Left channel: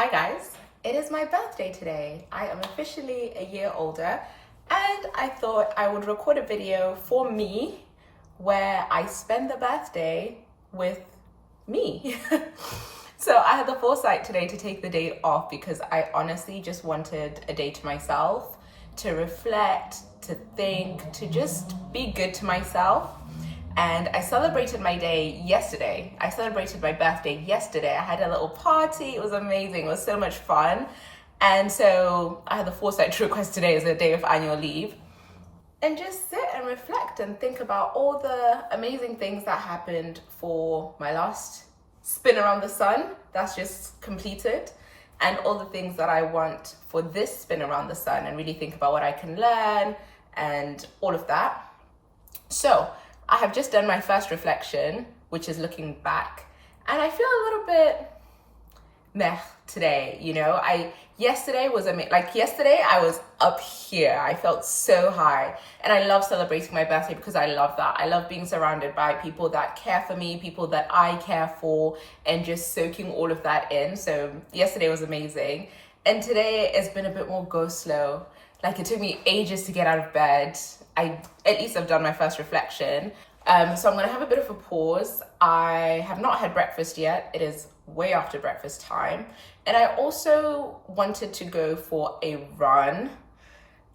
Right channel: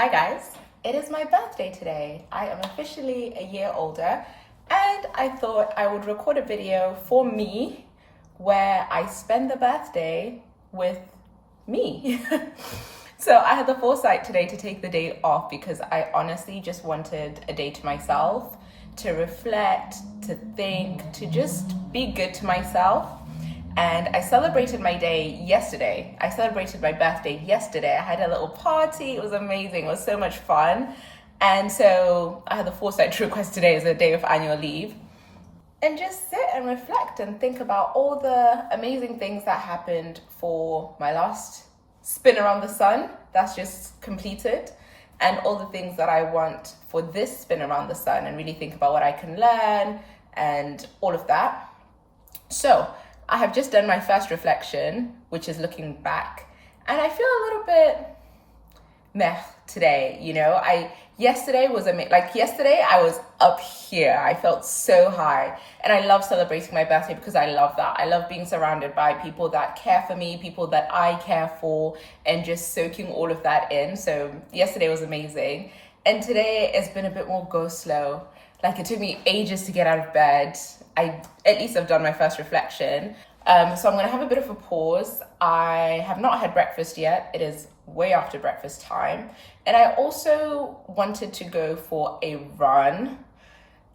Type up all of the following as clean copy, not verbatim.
Hi guys, it is my birthday today. I am officially a year older and I thought I would record a video for me where I spend the birthday with me. So I had the foresight today to take the day off because I honestly just wanted a day to myself, to reflect, to think, to just be good to myself. And I celebrated my day yesterday. I celebrated my birthday yesterday. I had a little party. It was amazing. It was so much fun. And so I had the foresight to request today as a day of annual leave and just sit and reflect and think about all the amazing things that happened for my last spin around the sun that's just completed, and all the things that I want for this spin around the sun, and really think about what I can learn and all of that. So I have just done my first reflection, which is looking back, and I feel a little bit meh today. Yesterday I was up here. I felt so high, and I love celebrating my birthday because I love that. I love being surrounded by people that care for me, people that I care for, and just soaking all of that in. So yesterday was amazing, and today it's been a bit more go slow. Like, it took me ages to get out of bed. At least I've done my first reflection. So I'm gonna have a bit of a pause. I have not had breakfast yet. It is way after breakfast time. And I also wanted to go for a run.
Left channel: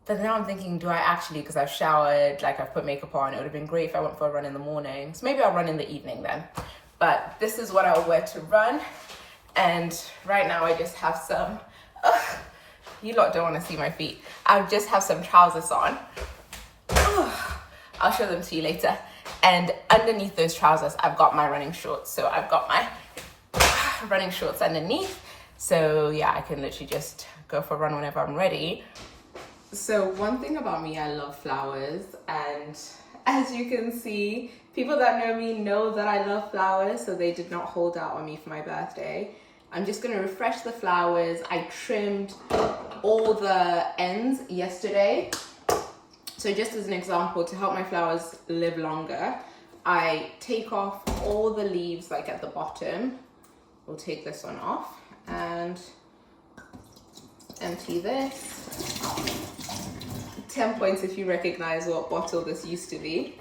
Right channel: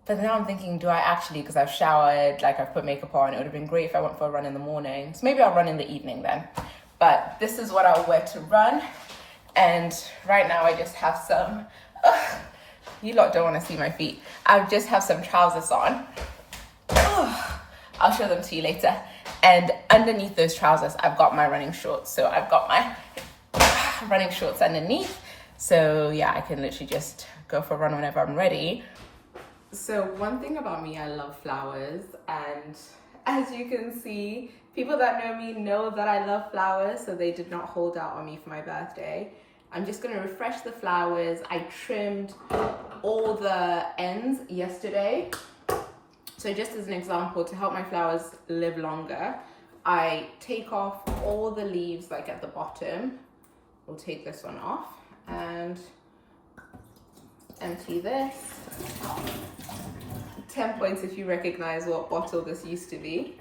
But now I'm thinking, do I actually, because I've showered, I've put makeup on, it would have been great if I went for a run in the morning. So maybe I'll run in the evening then. But this is what I'll wear to run. And right now I just have some, you lot don't want to see my feet. I just have some trousers on. I'll show them to you later. And underneath those trousers, I've got my running shorts. So I've got my running shorts underneath. So yeah, I can literally just go for a run whenever I'm ready. So one thing about me, I love flowers. And as you can see, people that know me know that I love flowers. So they did not hold out on me for my birthday. I'm just gonna refresh the flowers. I trimmed all the ends yesterday. So just as an example, to help my flowers live longer, I take off all the leaves at the bottom. We'll take this one off and empty this. 10 points if you recognize what bottle this used to be.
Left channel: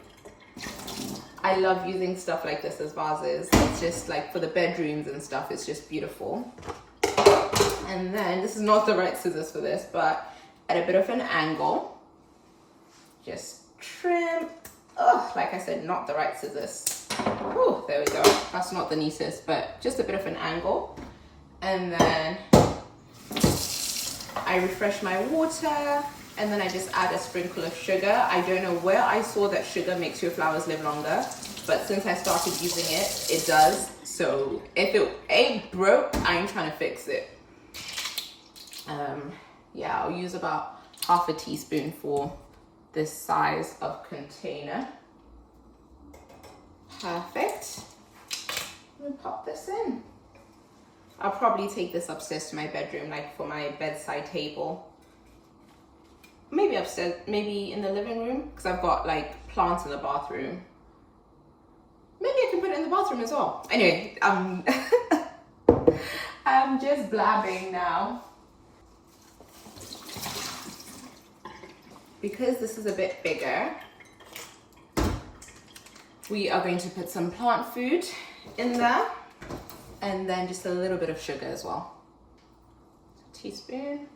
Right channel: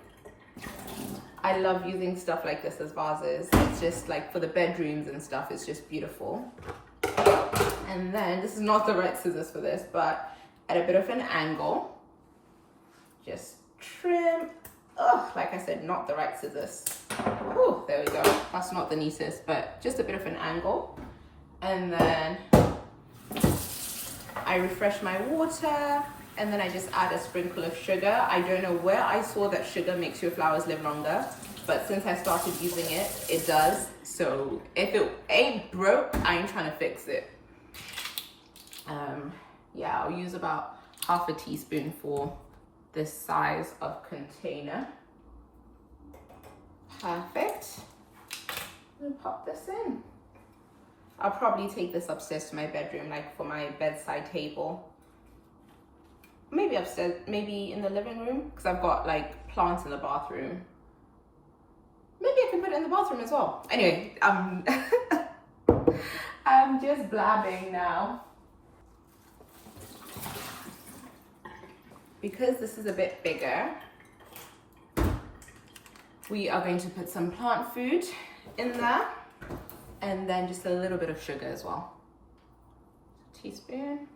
I love using stuff like this as vases. It's just for the bedrooms and stuff, it's just beautiful. And then, this is not the right scissors for this, but at a bit of an angle, just trim. Like I said, not the right scissors. There we go. That's not the neatest, but just a bit of an angle. And then I refresh my water, and then I just add a sprinkle of sugar. I don't know where I saw that sugar makes your flowers live longer, but since I started using it, it does. So if it ain't broke, I ain't trying to fix it. Yeah, I'll use about half a teaspoon for this size of container. Perfect. And pop this in. I'll probably take this upstairs to my bedroom, for my bedside table. Maybe upstairs, maybe in the living room, because I've got plants in the bathroom. Maybe I can put it in the bathroom as well. Anyway, I'm just blabbing now. Because this is a bit bigger, we are going to put some plant food in there, and then just a little bit of sugar as well. Teaspoon.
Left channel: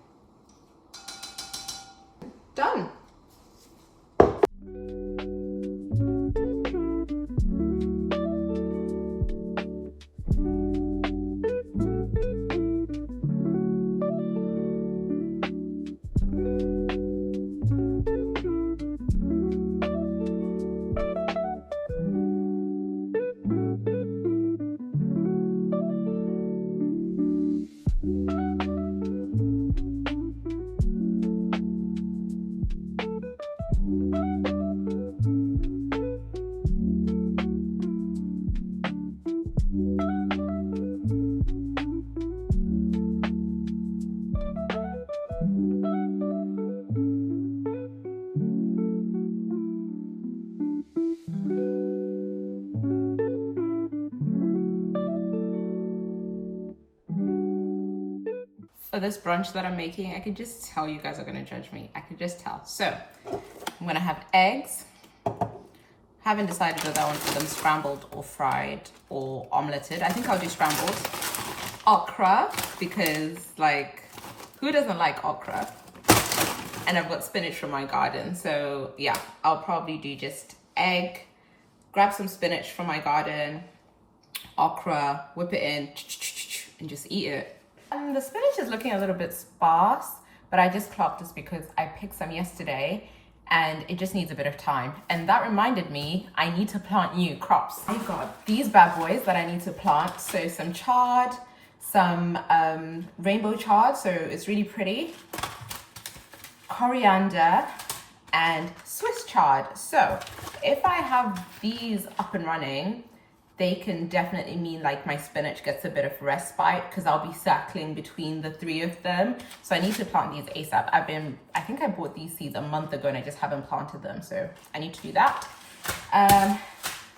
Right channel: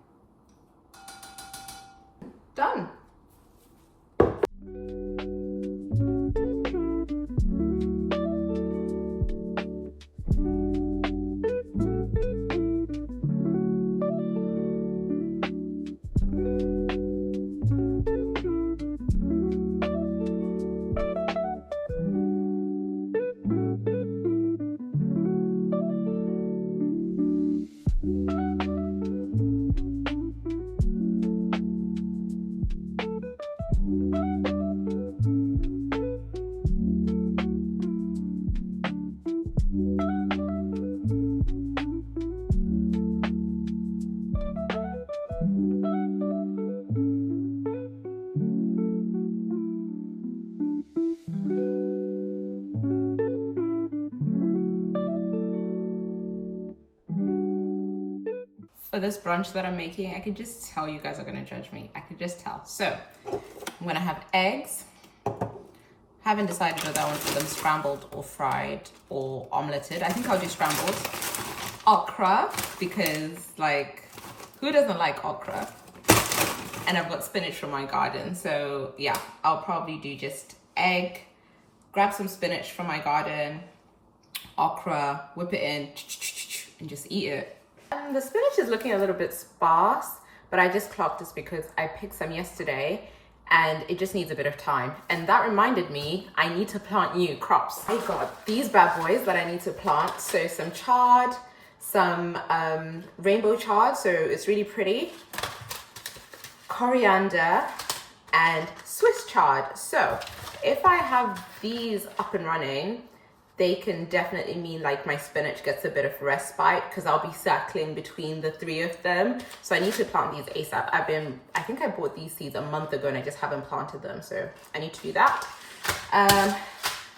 Done. for this brunch that I'm making. I can just tell you guys are gonna judge me. I can just tell. So I'm gonna have eggs. Haven't decided whether I want them scrambled or fried or omeleted. I think I'll do scrambled. Okra, because like, who doesn't like okra? And I've got spinach from my garden. So yeah, I'll probably do just egg, grab some spinach from my garden, okra, whip it in, and just eat it. And the spinach is looking a little bit sparse, but I just clocked this because I picked some yesterday and it just needs a bit of time. And that reminded me, I need to plant new crops. I got these bad boys that I need to plant. So some chard, some rainbow chard, so it's really pretty, coriander, and Swiss chard. So if I have these up and running, they can definitely mean like my spinach gets a bit of respite because I'll be circling between the three of them. So I need to plant these ASAP. I think I bought these seeds a month ago and I just haven't planted them. So I need to do that.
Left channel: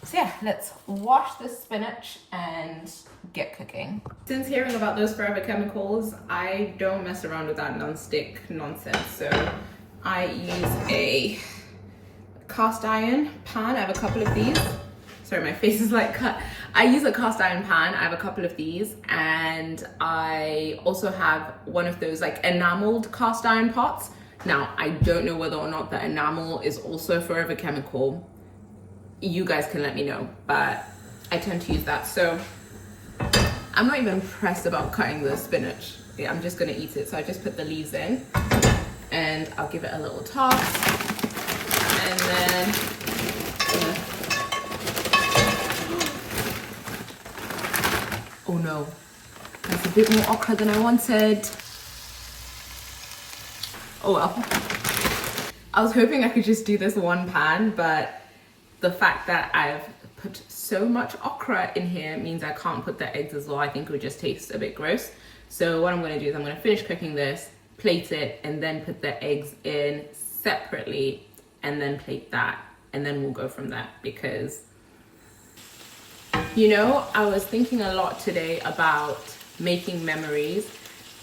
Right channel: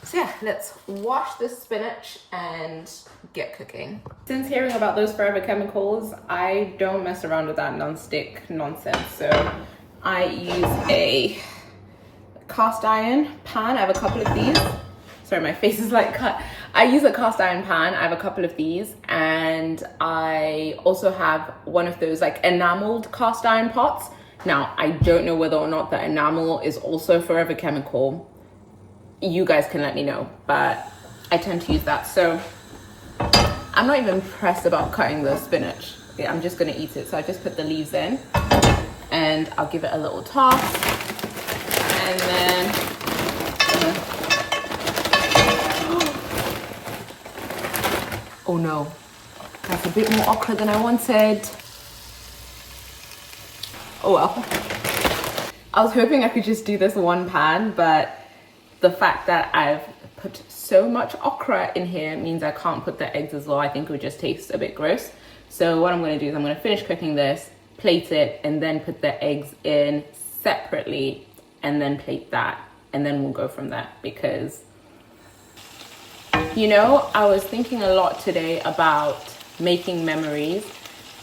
So yeah, let's wash the spinach and get cooking. Since hearing about those forever chemicals, I don't mess around with that non-stick nonsense. So I use a cast iron pan. I have a couple of these. Sorry, my face is like cut. I use a cast iron pan. I have a couple of these, and I also have one of those like enameled cast iron pots. Now, I don't know whether or not the enamel is also forever chemical. You guys can let me know, but I tend to use that. So I'm not even pressed about cutting the spinach. Yeah, I'm just gonna eat it. So I just put the leaves in and I'll give it a little toss. And then, oh no, that's a bit more okra than I wanted. Oh well. I was hoping I could just do this one pan, but the fact that I've put so much okra in here means I can't put the eggs as well. I think it would just taste a bit gross. So what I'm gonna do is I'm gonna finish cooking this, plate it, and then put the eggs in separately, and then plate that, and then we'll go from there. Because, you know, I was thinking a lot today about making memories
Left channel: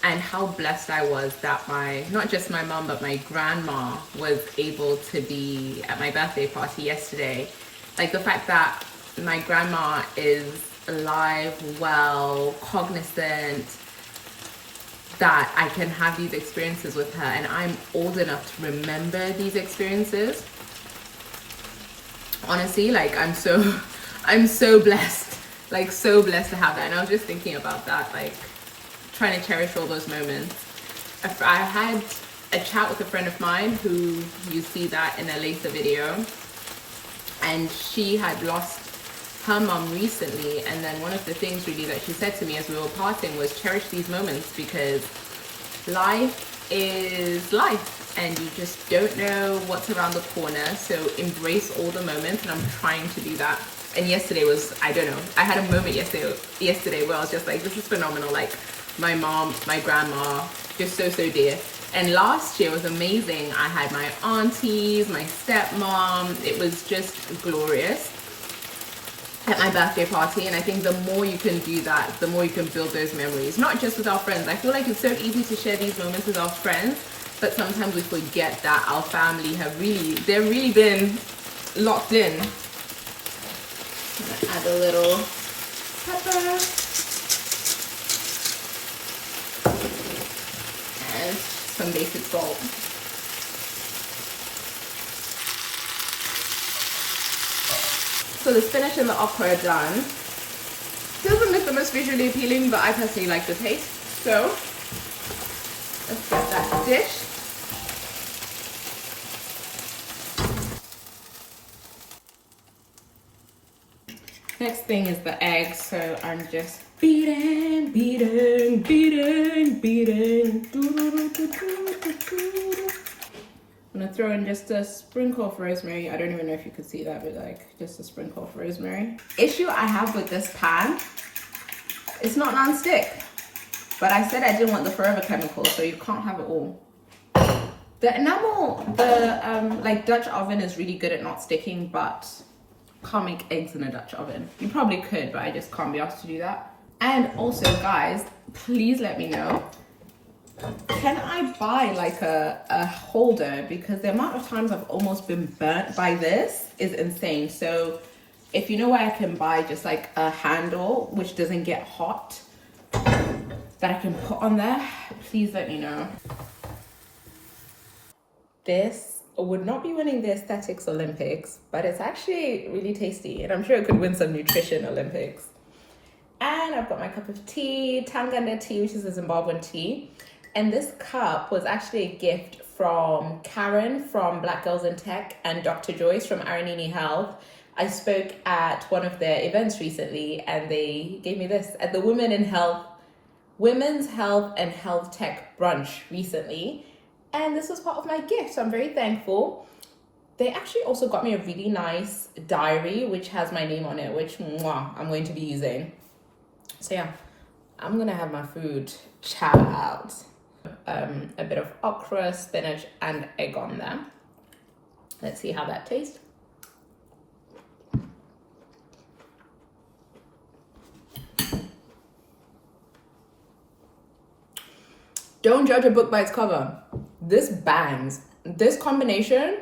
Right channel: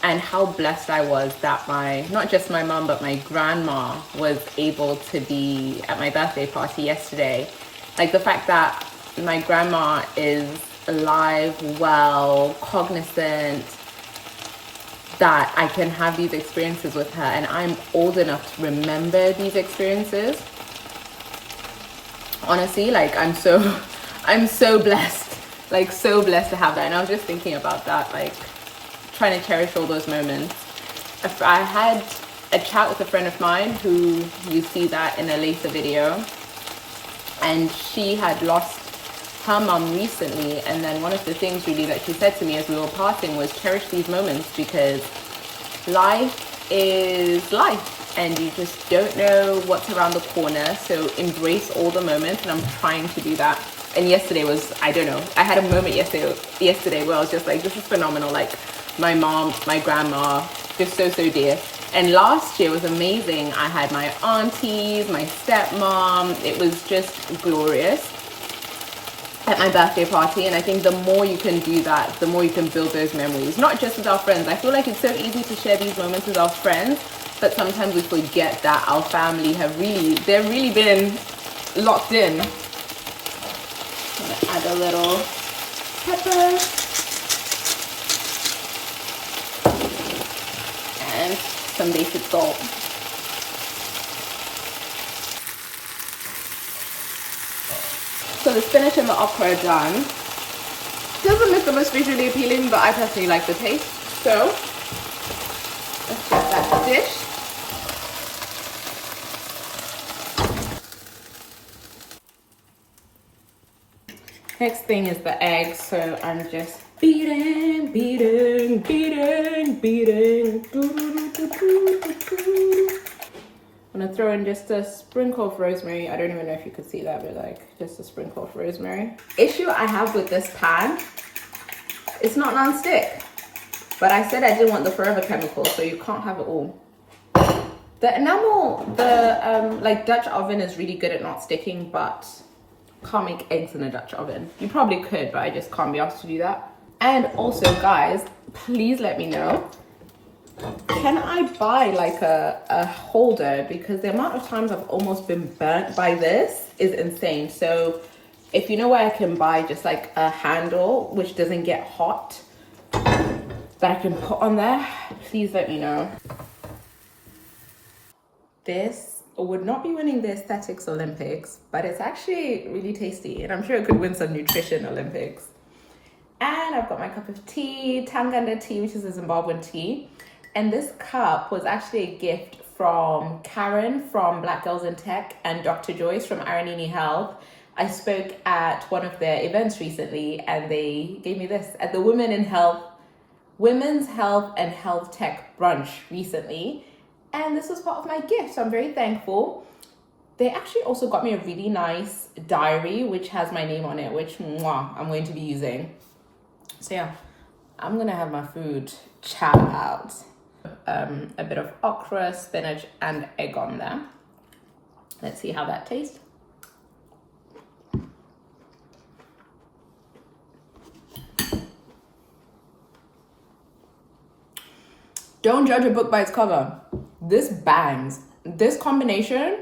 and how blessed I was that not just my mom, but my grandma was able to be at my birthday party yesterday. Like the fact that my grandma is alive, well, cognizant, that I can have these experiences with her, and I'm old enough to remember these experiences. Honestly, like I'm so blessed, like so blessed to have that. And I was just thinking about that, like trying to cherish all those moments. I had a chat with a friend of mine who you see that in a later video, and she had lost her mum recently, and then one of the things really that she said to me as we were parting was cherish these moments, because life is life and you just don't know what's around the corner. So embrace all the moments, and I'm trying to do that. And yesterday was, I don't know, I had a moment yesterday where I was just like, this is phenomenal. Like my mom, my grandma, just so dear. And last year was amazing. I had my aunties, my stepmom. It was just glorious at my birthday party. And I think the more you can do that, the more you can build those memories, not just with our friends. I feel like it's so easy to share these moments with our friends, but sometimes we forget that our family they've really been locked in. I'm gonna add a little pepper and some basic salt. So the spinach and the okra are done. Doesn't look the most visually appealing, but I personally like the taste. So let's get that dish. Next thing is the eggs. So I'm just beating. I'm gonna throw in just a sprinkle of rosemary. I don't even know if you could see that, but like just a sprinkle of rosemary. Issue I have with this pan, it's not non-stick, but I said I didn't want the forever chemical, so you can't have it all. The enamel, like Dutch oven is really good at not sticking, but can't make eggs in a Dutch oven. You probably could, but I just can't be asked to do that. And also guys, please let me know Can I buy like a holder? Because the amount of times I've almost been burnt by this is insane. So if you know where I can buy just like a handle which doesn't get hot that I can put on there, please let me know. This would not be winning the aesthetics Olympics, but it's actually really tasty and I'm sure it could win some nutrition Olympics. And I've got my cup of tea, Tanganda tea, which is a Zimbabwean tea. And this cup was actually a gift from Karen from Black Girls in Tech and Dr. Joyce from Aranini Health. I spoke at one of their events recently and they gave me this at the Women's Health and Health Tech brunch recently. And this was part of my gift, so I'm very thankful. They actually also got me a really nice diary, which has my name on it, which I'm going to be using. So yeah, I'm gonna have my food child. A bit of okra, spinach, and egg on there. Let's see how that tastes. Don't judge a book by its cover. This bangs. This combination,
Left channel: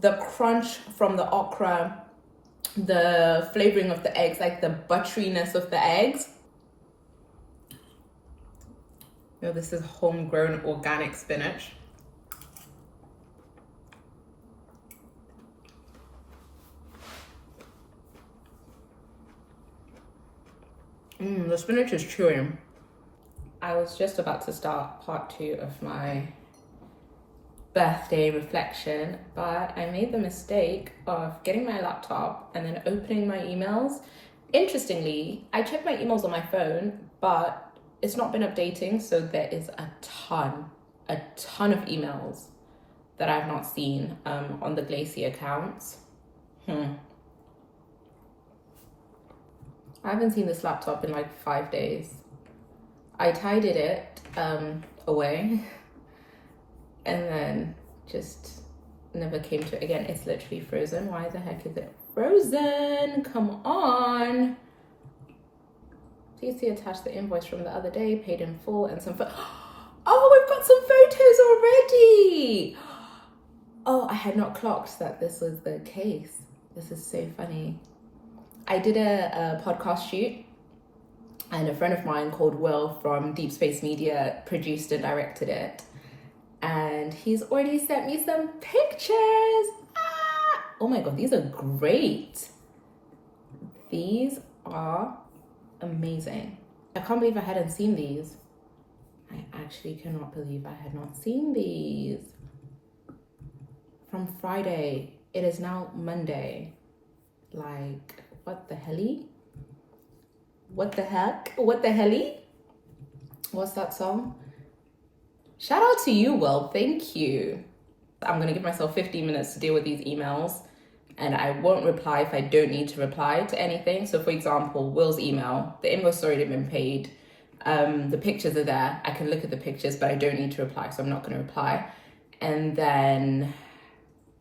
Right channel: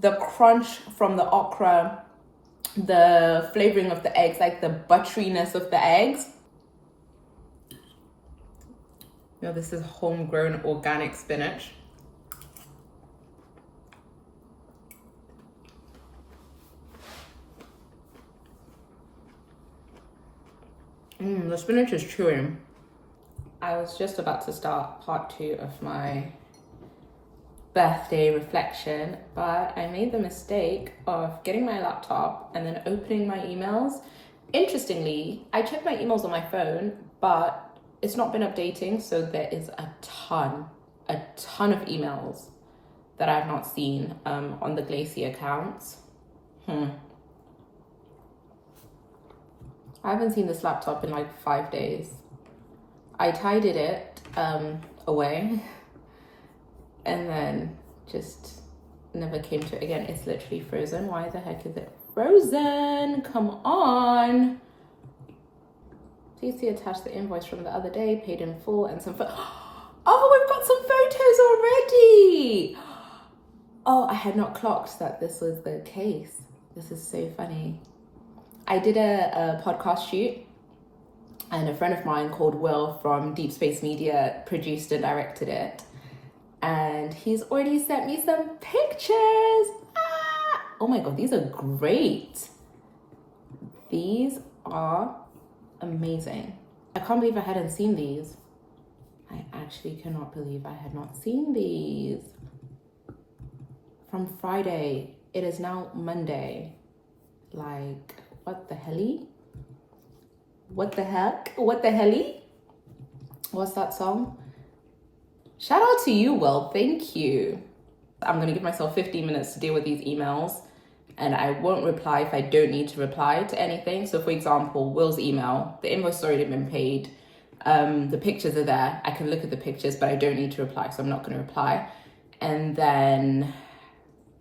the crunch from the okra, the flavoring of the eggs, like the butteriness of the eggs. You know, this is homegrown organic spinach. The spinach is chewy. I was just about to start part 2 of my birthday reflection, but I made the mistake of getting my laptop and then opening my emails. Interestingly, I check my emails on my phone, but it's not been updating, so there is a ton of emails that I've not seen on the Glacier accounts. I haven't seen this laptop in like 5 days. I tidied it away and then just never came to it again. It's literally frozen. Why the heck is it frozen? Come on. Please see attached the invoice from the other day, paid in full, and some oh, we've got some photos already. Oh, I had not clocked that this was the case. This is so funny. I did a podcast shoot and a friend of mine called Will from Deep Space Media produced and directed it. And he's already sent me some pictures. Oh my God, these are great. These are amazing. I can't believe I hadn't seen these. I actually cannot believe I had not seen these. From Friday, it is now Monday. Like, what the helly? What the heck? What the helly? What's that song? Shout out to you, Will. Thank you. I'm gonna give myself 15 minutes to deal with these emails and I won't reply if I don't need to reply to anything. So for example, Will's email, the invoice has already been paid. The pictures are there. I can look at the pictures, but I don't need to reply, so I'm not gonna reply. And then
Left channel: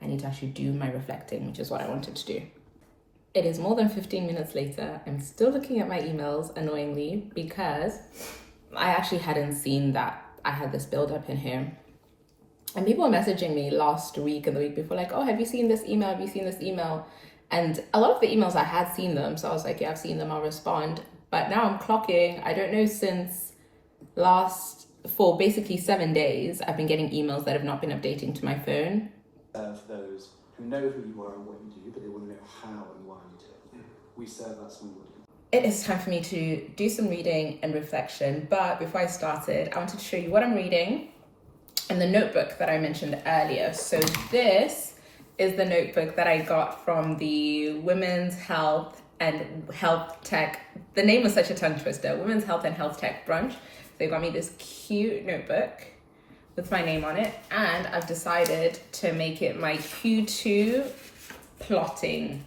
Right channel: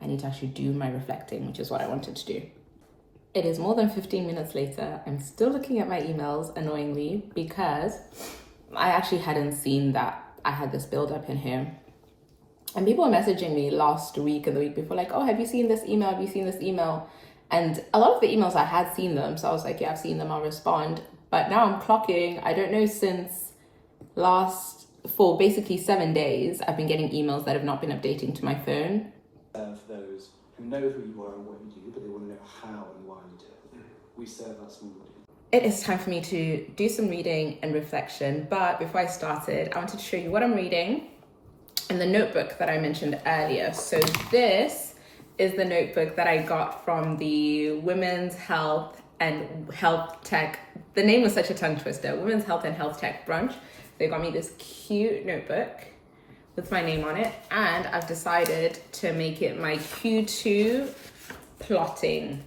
I need to actually do my reflecting, which is what I wanted to do. It is more than 15 minutes later. I'm still looking at my emails annoyingly because I actually hadn't seen that I had this build up in here. And people were messaging me last week and the week before, like, oh, have you seen this email? Have you seen this email? And a lot of the emails I had seen them. So I was like, yeah, I've seen them, I'll respond. But now I'm clocking, I don't know, since for basically 7 days, I've been getting emails that have not been updating to my phone. For those who know who you are and what you do, but they want to know how and why you do it. We serve that small audience. It is time for me to do some reading and reflection. But before I started, I wanted to show you what I'm reading in the notebook that I mentioned earlier. So this is the notebook that I got from the Women's Health and Health Tech. The name was such a tongue twister. Women's Health and Health Tech brunch. They got me this cute notebook with my name on it. And I've decided to make it my Q2 plotting.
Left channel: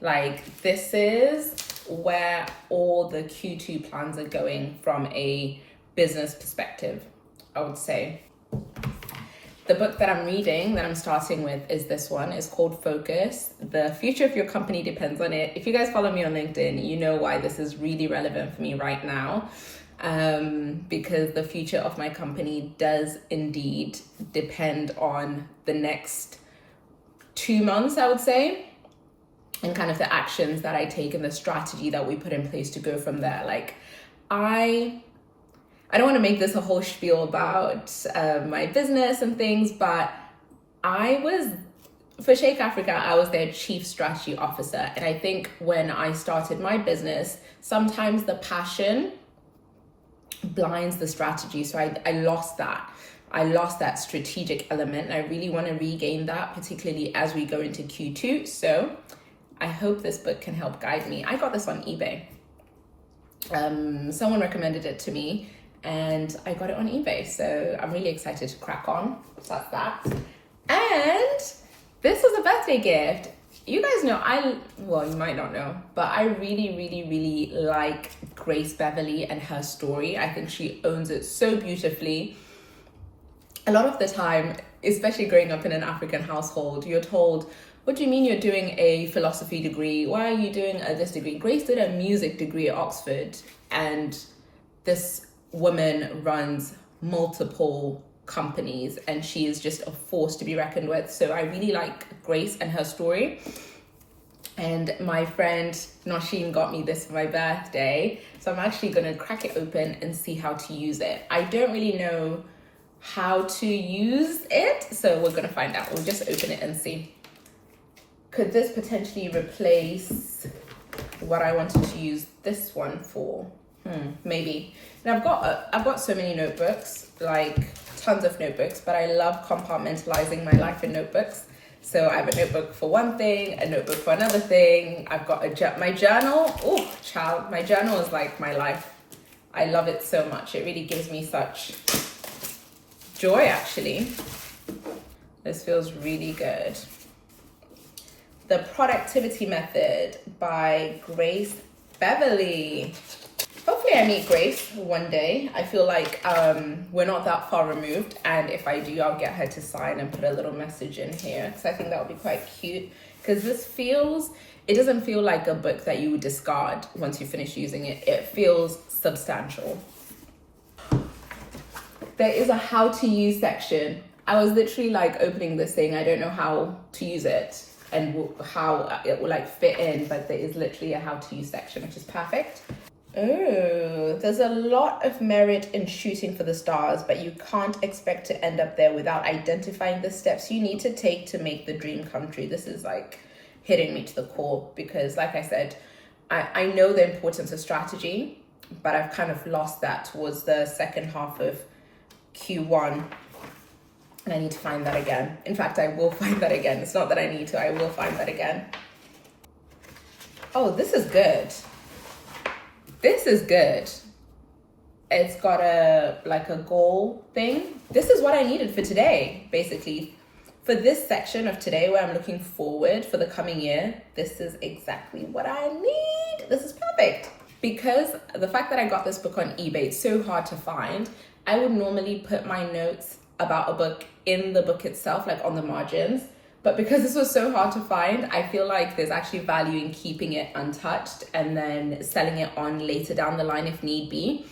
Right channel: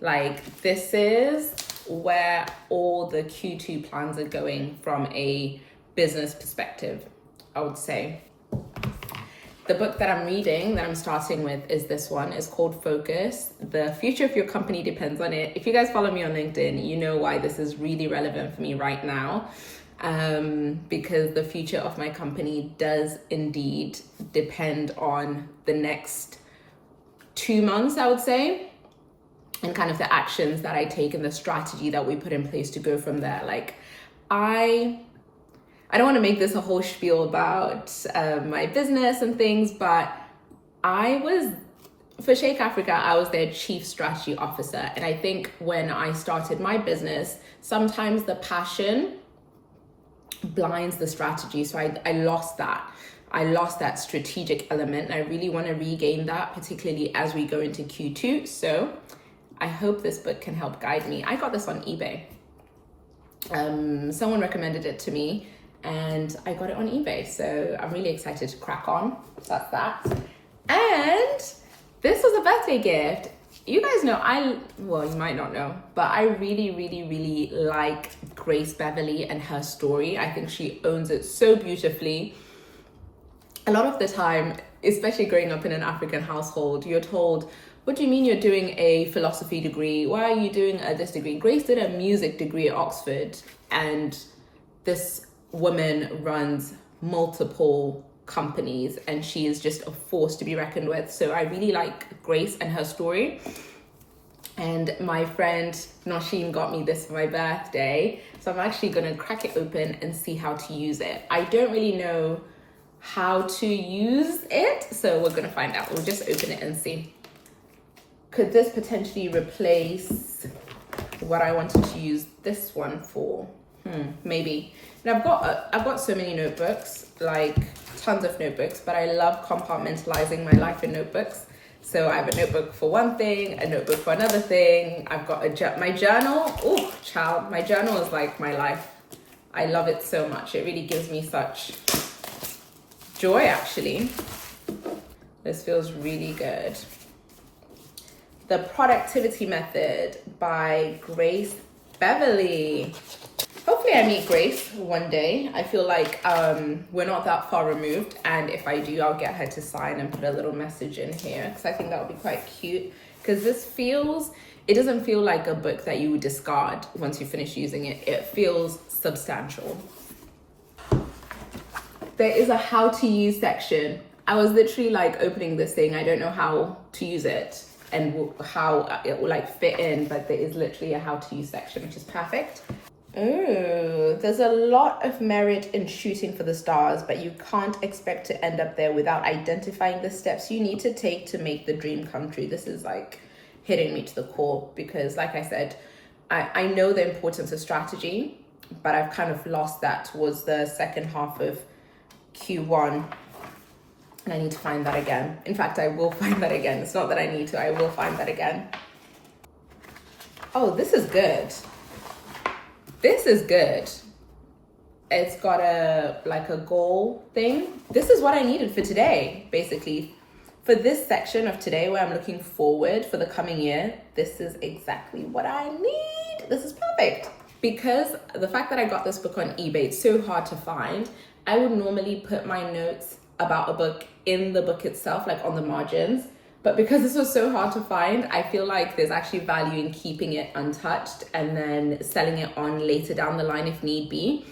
Like, this is where all the Q2 plans are going from a business perspective, I would say. The book that I'm reading, that I'm starting with, is this one. It's called Focus. The future of your company depends on it. If you guys follow me on LinkedIn, you know why this is really relevant for me right now. because the future of my company does indeed depend on the next 2 months, I would say, and kind of the actions that I take and the strategy that we put in place to go from there. Like, I don't want to make this a whole spiel about my business and things, but for Shake Africa, I was their chief strategy officer. And I think when I started my business, sometimes the passion blinds the strategy. So I lost that. I lost that strategic element. And I really want to regain that, particularly as we go into Q2. So I hope this book can help guide me. I got this on eBay. Someone recommended it to me and I got it on eBay. So I'm really excited to crack on. So that's that. And this was a birthday gift. You guys know, well, you might not know, but I really, really, really like Grace Beverley and her story. I think she owns it so beautifully. A lot of the time, especially growing up in an African household, you're told, what do you mean you're doing a philosophy degree? Why are you doing this degree? Grace did a music degree at Oxford, and this woman runs multiple companies and she is just a force to be reckoned with. So I really like Grace and her story. And my friend Nosheen got me this for my birthday. So I'm actually going to crack it open and see how to use it. I don't really know how to use it, so we're going to find out. We'll just open it and see. Could this potentially replace what I wanted to use this one for? Maybe. And I've got so many notebooks, like tons of notebooks, but I love compartmentalizing my life in notebooks. So I have a notebook for one thing, a notebook for another thing. I've got my journal. Oh, child, my journal is like my life. I love it so much. It really gives me such joy, actually. This feels really good. The Productivity Method by Grace Beverley. Hopefully I meet Grace one day. I feel like we're not that far removed, and if I do, I'll get her to sign and put a little message in here, because I think that would be quite cute. Because it doesn't feel like a book that you would discard once you finish using it. It feels substantial. There is a how to use section. I was literally like opening this thing. I don't know how to use it and how it will like fit in, but there is literally a how to use section, which is perfect. Oh, there's a lot of merit in shooting for the stars, but you can't expect to end up there without identifying the steps you need to take to make the dream come true. This is like hitting me to the core because, like I said, I know the importance of strategy, but I've kind of lost that towards the second half of Q1. And I need to find that again. In fact, I will find that again. It's not that I need to, I will find that again. Oh, this is good. This is good. It's got a goal thing. This is what I needed for today, basically. For this section of today where I'm looking forward for the coming year, this is exactly what I need. This is perfect. Because the fact that I got this book on eBay, it's so hard to find. I would normally put my notes about a book in the book itself, like on the margins. But because this was so hard to find, I feel like there's actually value in keeping it untouched and then selling it on later down the line if need be.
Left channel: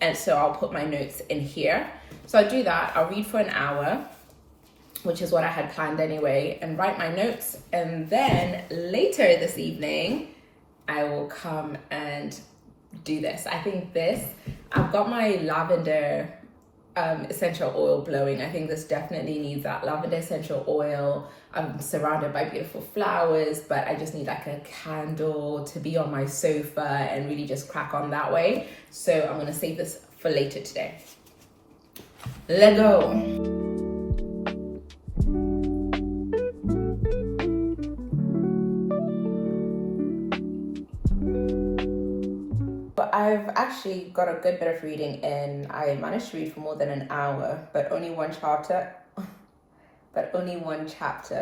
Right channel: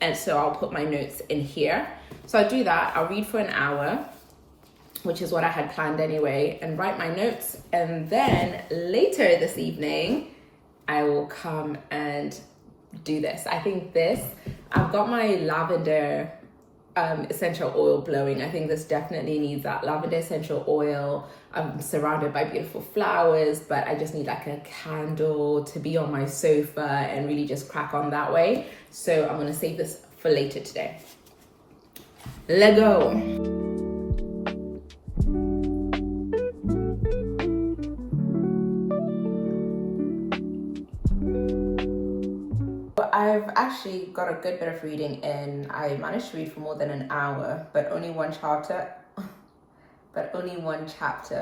And so I'll put my notes in here. So I'll do that. I'll read for an hour, which is what I had planned anyway, and write my notes. And then later this evening, I will come and do this. I think I've got my lavender essential oil blowing. I think this definitely needs that lavender essential oil. I'm surrounded by beautiful flowers, but I just need like a candle to be on my sofa and really just crack on that way. So I'm going to save this for later today. Let's go. I've actually got a good bit of reading in. I managed to read for more than an hour, but only one chapter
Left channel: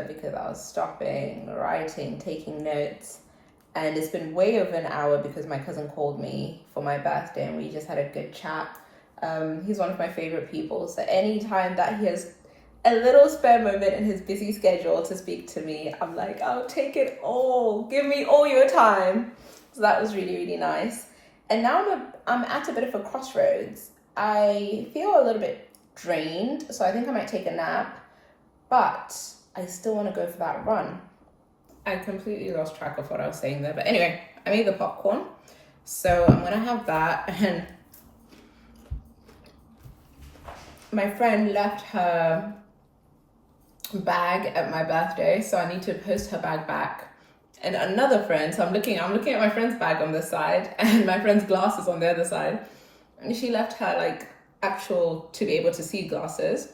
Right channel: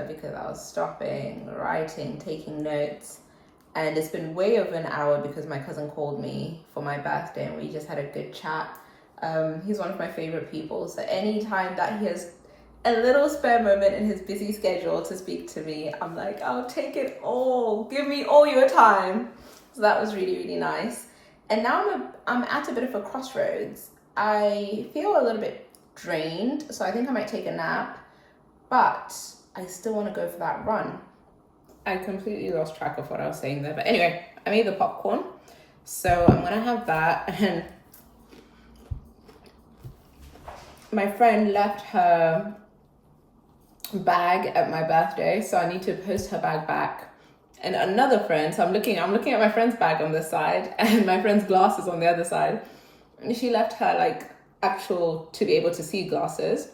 because I was stopping, writing, taking notes. And it's been way over an hour because my cousin called me for my birthday and we just had a good chat. He's one of my favorite people. So anytime that he has a little spare moment in his busy schedule to speak to me, I'm like, I'll take it all. Give me all your time. So that was really, really nice. And now I'm at a bit of a crossroads. I feel a little bit drained, so I think I might take a nap, but I still want to go for that run. I completely lost track of what I was saying there, but anyway, I made the popcorn, so I'm gonna have that. And my friend left her bag at my birthday, so I need to post her bag back. And another friend, so I'm looking at my friend's bag on this side and my friend's glasses on the other side, and she left her like actual to be able to see glasses.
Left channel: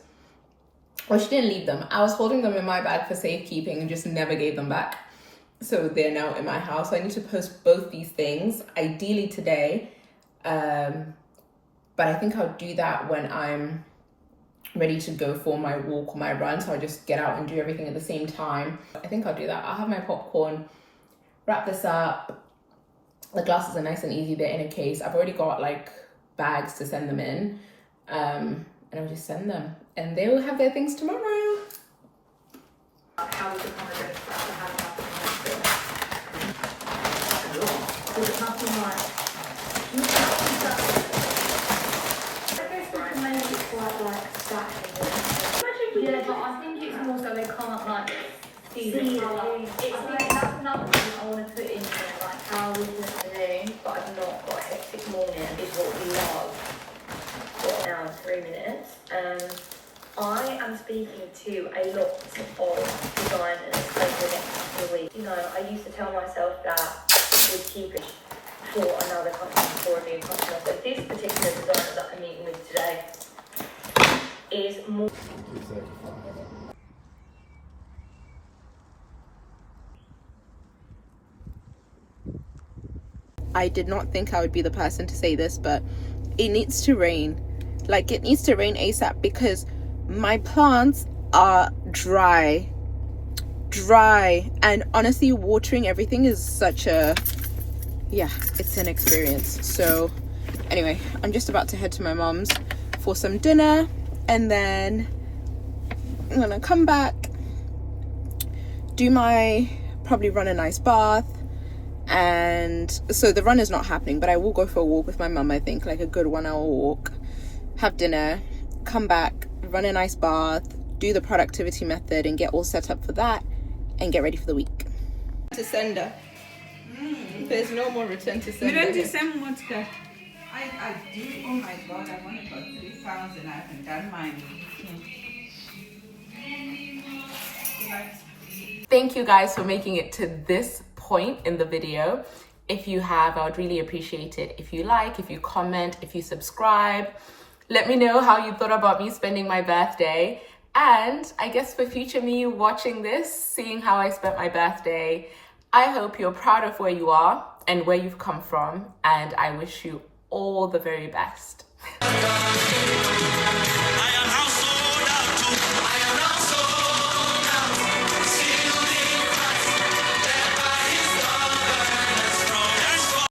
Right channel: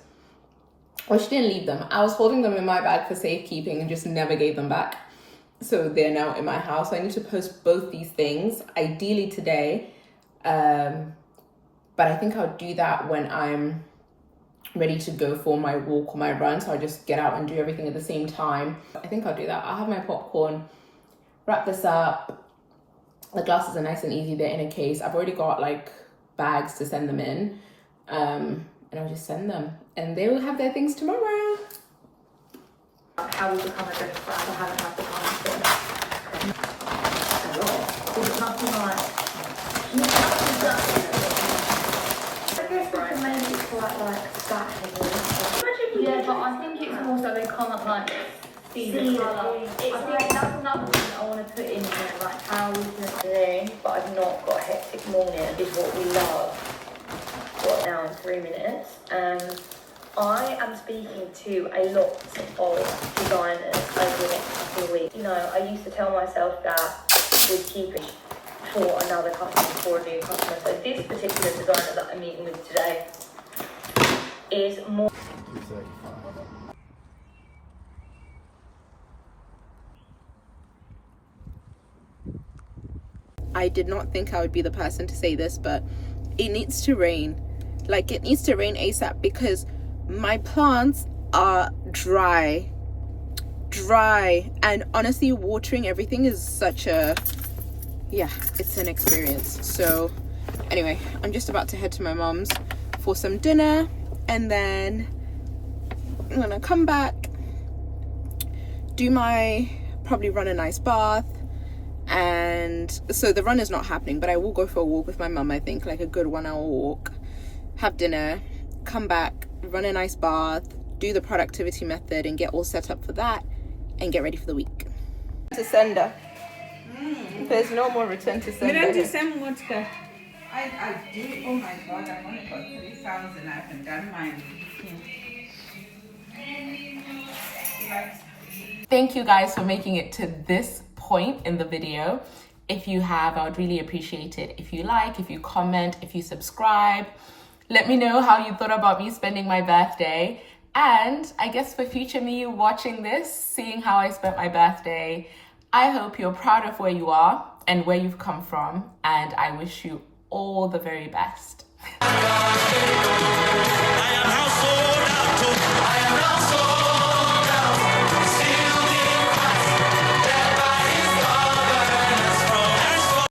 Well, she didn't leave them. I was holding them in my bag for safekeeping and just never gave them back. So they're now in my house. So I need to post both these things, ideally today. But I think I'll do that when I'm ready to go for my walk or my run. So I'll just get out and do everything at the same time. I think I'll do that. I'll have my popcorn, wrap this up. The glasses are nice and easy. They're in a case. I've already got like bags to send them in. And I'll just send them, and they will have their things tomorrow. How would you comment for us to have there's nothing like. I guess we can make it quite like Saturday. Yeah, but I think it's more so they can't like see the colour. I think that's another thing I want to put in there, like how we're doing today, but I've not got a hectic morning, is what we love. Got now in 3 minutes. I am speaking to a lot of designers over the next couple of weeks. You know, I used to tell myself that we'd keep it for another customer, for a new customer. So this particular designer that I'm meeting with today is more. I did not think I would be the person to say this, but it needs to rain. Like, it needs to rain ASAP because my plants are dry, and honestly watering everything is such a, yeah, it's an experience. So anyway, I'm just about to head to my mom's for some dinner, and then I'm gonna come back, probably run a nice bath. And so the run is not happening, but I will go for a walk with my mum, I think, like a good 1 hour walk, have dinner, come back, run a nice bath, do the productivity method and get all set up for that and get ready for the week. To sender. There's no more return to sender. I do. Oh my God, I want it for 3,000. I haven't done mine. Thank you guys for making it to this point in the video. If you have, I would really appreciate it if you like, if you comment, if you subscribe. Let me know how you thought about me spending my birthday. And I guess for future me watching this, seeing how I spent my birthday, I hope you're proud of where you are and where you've come from. And I wish you all the very best.